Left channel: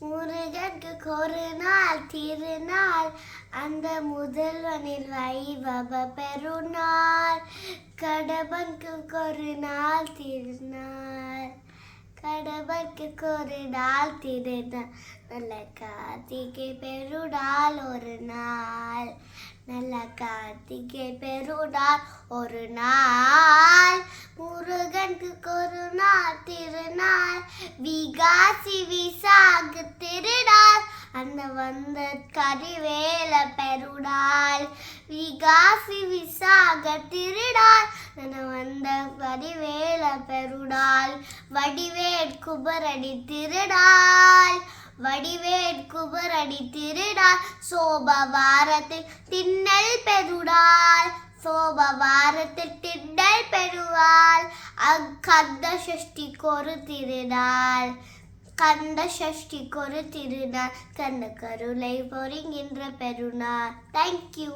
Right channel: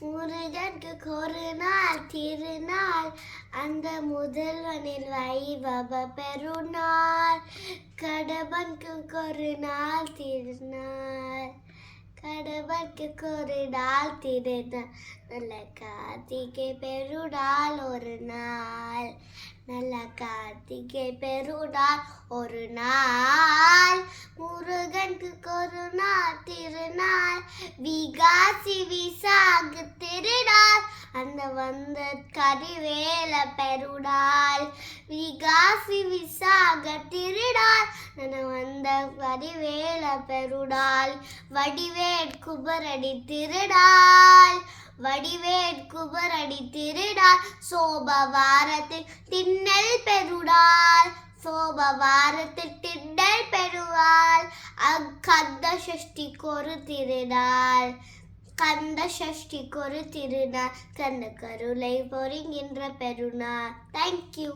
முருகனுக்கு ஒரு நாள் திருநாள், அந்த முதல்வனில் வைபவ பெருநாள். கடம்பனுக்கு ஒரு நாள் திருநாள், கடம்பனுக்கு ஒரு நாள் திருநாள். நல்ல கார்த்திகை பெருநாள் ஒரு நாள், நல்ல கார்த்திகை பெருநாள் ஒரு நாள். முருகனுக்கு ஒரு நாள் திருநாள், விகாசி விசாக திருநாள், அந்த வந்த கரிவேல பெருநாள். விகாசி விசாக திருநாள், அந்த வந்த கரிவேல பெருநாள். வடிவேல் குபரடி திருநாள், வடிவேல் குபரடி திருநாள். சோபவாரத்தில் திண்ணல் பெருநாள், சோபவாரத்தில் திண்ணல் பெருநாள். கந்த சஷ்டிக்கு ஒரு திருநாள், கந்த சஷ்டிக்கு ஒரு திருநாள். கந்த கருளை பொறிகின்ற பெருநாள். தேங்க்யூ.